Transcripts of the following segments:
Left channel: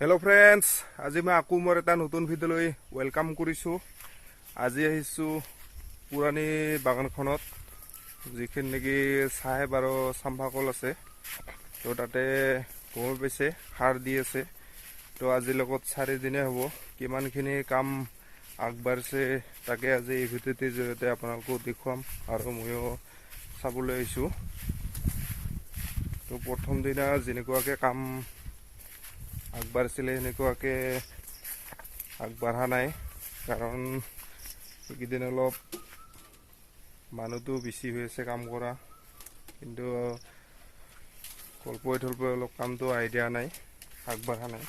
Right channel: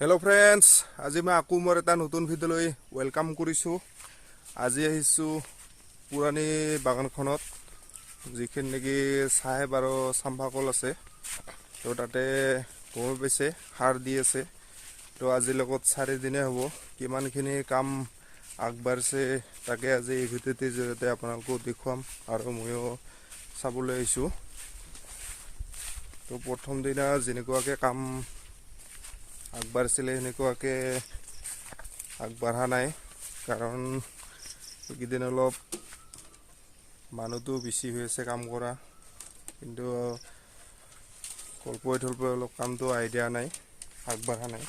Hello' friends, আজি মই আকৌ মোৰ এটা নতুন ভিডিঅ'লৈ ৱেলকাম কৰিছোঁ। আজি আহিছোঁ পুৰণি বাগানখনত, যিখিনি নেকি চাহেব আৰু চাম্পা কল আছে। তো তাতে গম পাইছে সাৰ দি আছে। তো আজিৰ লগত 4 দিনে হ'ব, কিমানখিনি কাম আগবাঢ়িছে তাকে আজি এই ভিডিঅ'টিৰ জৰিয়তে আপোনালোকক দেখুৱাম আৰু ময়ো চাবলৈ আহিছোঁ। তো প্ৰথম দিনা যেনেকুৱাকৈ কাম আগবাঢ়িছিলে সেনেকুৱাকৈ আগবাঢ়া নাই, কাৰণ এইকেইদিন অলপ মানুহটো বেছি হৈ আছে কাম কৰা, কিন্তু কল্পই অলপ কামটো আইডিয়া নাই, আগবাঢ়া নাই।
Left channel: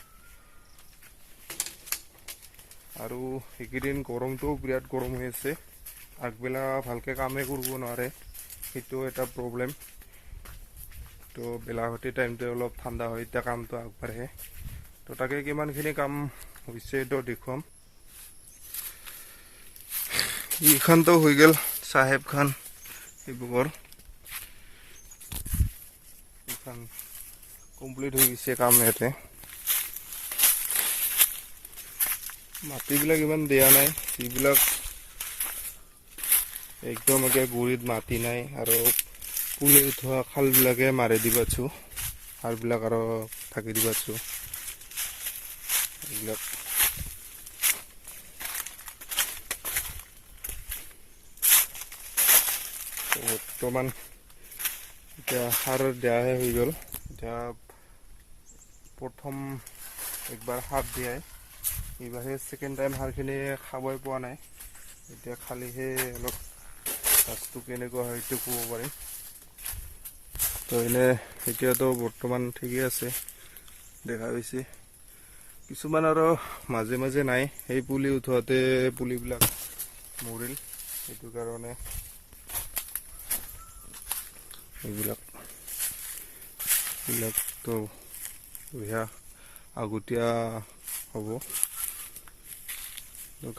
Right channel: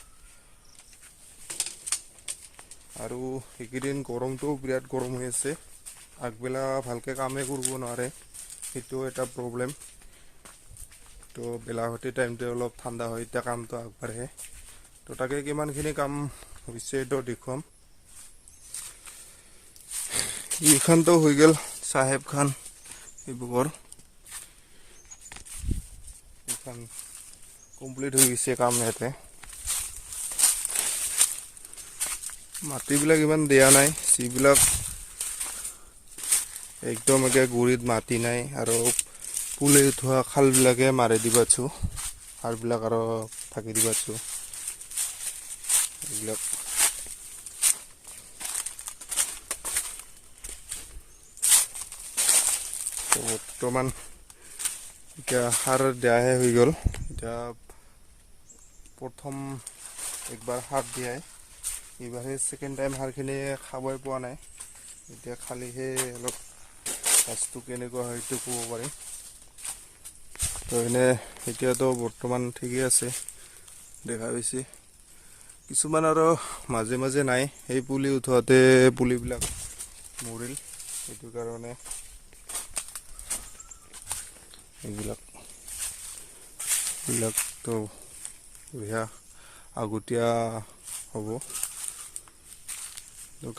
আৰু এইকেইদিন গৰমটোও বিৰাট গৰম হৈ আছে, আগবেলা ভালকৈ কামেই কৰিব নোৱাৰে, সেইটো এটা প্ৰব্লেম। তো বেলাহতি টাইমটো অলপ ঠাণ্ডা হয়, এতিয়া কামটো আগবাঢ়ে। তো তাকে কিমানখিনি কাম হৈছে তো দেখুৱাম। এইখানটো হৈ গ'ল চাহেব খান ডিব্ৰুগড়, এইখন কমপ্লিট হৈ গৈছে কাম। ইয়াতে মাটিবিলাক ইমান দিয়া নাই, যিবিলাক একদম একে গুৰিত মাটি নাই, আৰু পুলি উঠোৱা খালবিলাকে মাৰি দিবাছোঁ, সাৰবিলাক আৰু ঢাকি দিবাছোঁ। এইবিলাক বৰ্তমান এতিয়া সাৰ দিয়াহে হৈ গ'ল। এতিয়া প্ৰথম একবাৰ সাৰ দিয়াই, এইবাৰহে ছেকেণ্ড টাইম সাৰখিনি খাবই পোৱা নাই। এতিয়া খালিহে অলপ গাছটো কেনেকুৱা হয় সেইটো ক'ব পাৰিম। তো এনে এতিয়াতো বৰ্তমান ঠিকেই আছে, দেখা পাইছে। কিছুমান আৰু মাজে মাজে নাই, সেই পুলি উঠোৱাতে পুলিবিলাক মৰিল, সেইটো কাৰণে এইবিলাকতো বঢ়িয়া আগতীয়া হ'ব।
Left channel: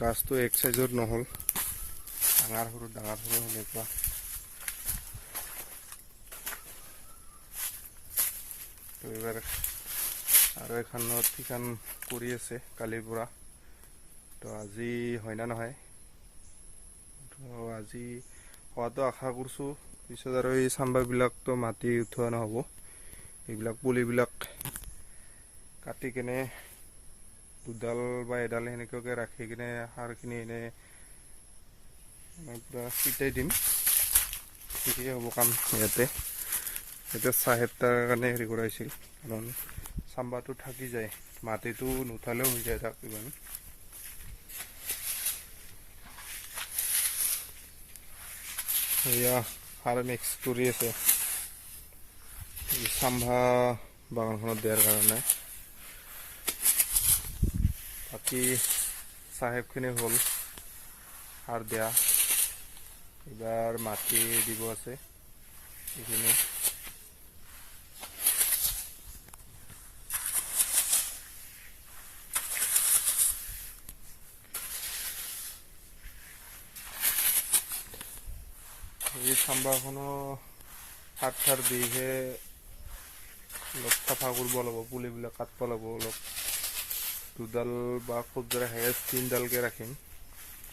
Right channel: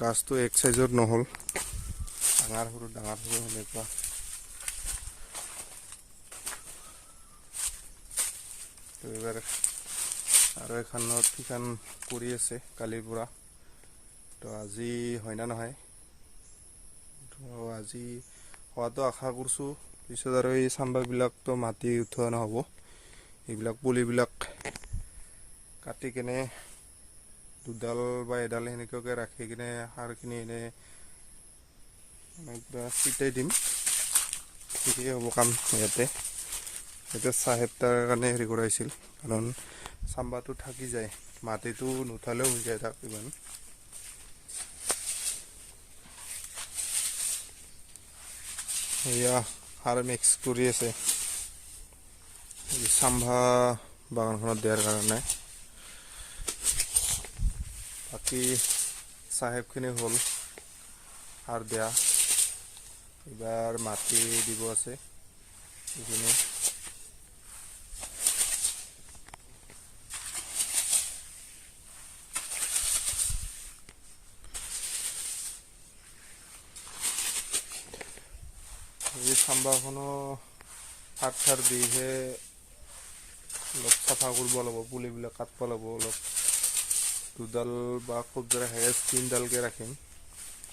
গাছটো এক চাইজত নহ'ল, ডাঙৰ সৰু সেনেকুৱা। তো এইবাৰ আৰু এখনত ঠিকান কৰি আছে কালিৰ পৰা। তো আজি হয় না নহয়, তো আজি হোৱাটো আশা কৰিছোঁ। পিছত আৰু এই চাম্বাৰবিলাকতো মাটি উঠোৱা নহ'ব, এইবিলাক পুলিবিলাক কাটি কেনে দুডাল বা এডাল সেনেকুৱাকৈ ৰাখি কিনে সাৰখিনি এনে পূৰা ছিটাই দিম, ঠিকেই হ'ব কাম। ইয়াতে চাহেব তাৰ কাৰণে হেৰি কৰাইছিল, কাৰণ চাম্বাৰটো থাকি যায়, মাটিটো নুঠালেও হৈ যায় তাক ইমান। এয়া সাৰ মিক্স কৰি আছে চাম্ভা বাগানখনত দিয়াৰ কাৰণে। বাকী চাহেবখিনি হ'ল সাৰ দিয়া, এইবাৰ মাটি দিব আছে এইখিনি। এই চাম্বাৰখনো সাৰ দিহে অলপ চাফা কৰিব লাগিব, পুলিবিলাক কাটিব লাগিব অলপ। দুডাল বা খুব জোৰে হায়েষ্ট 3ডালকৈ ৰাখিম,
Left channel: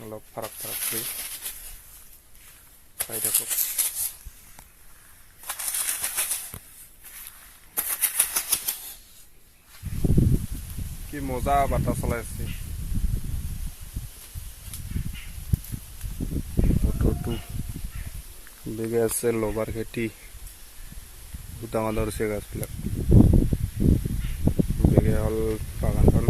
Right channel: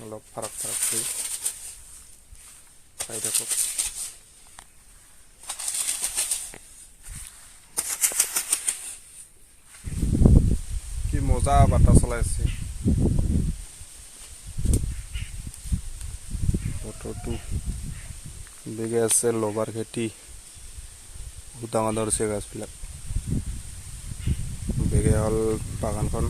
অলপ ফাৰাক কৰি চাই থাকক। কি মজা বতাহ চলাই আছে, বতৰটো বেগে আছে। লবাৰ খেতি বহুত ডাঙৰ হৈছে, গাছবিলাক বেগে হ'ল বাগানখন।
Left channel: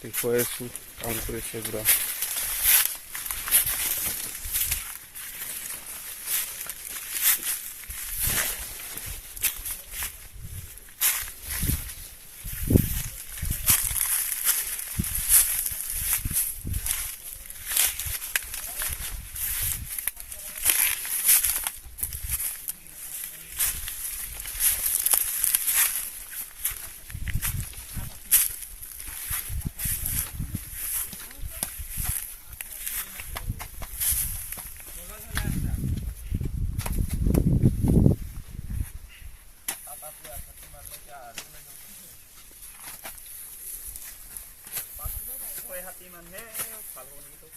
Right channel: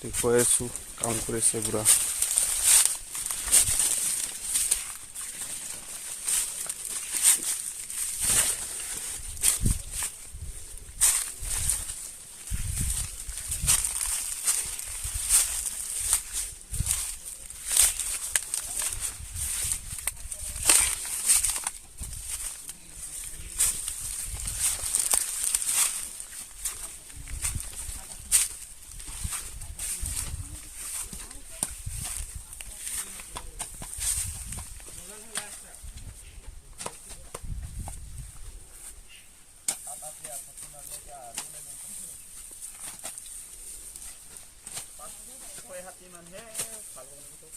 দেখুৱাই আছোঁ, কাম কৰিছে পুৰা। হাতী মানুহে ভাল হ'ব নেকি তোক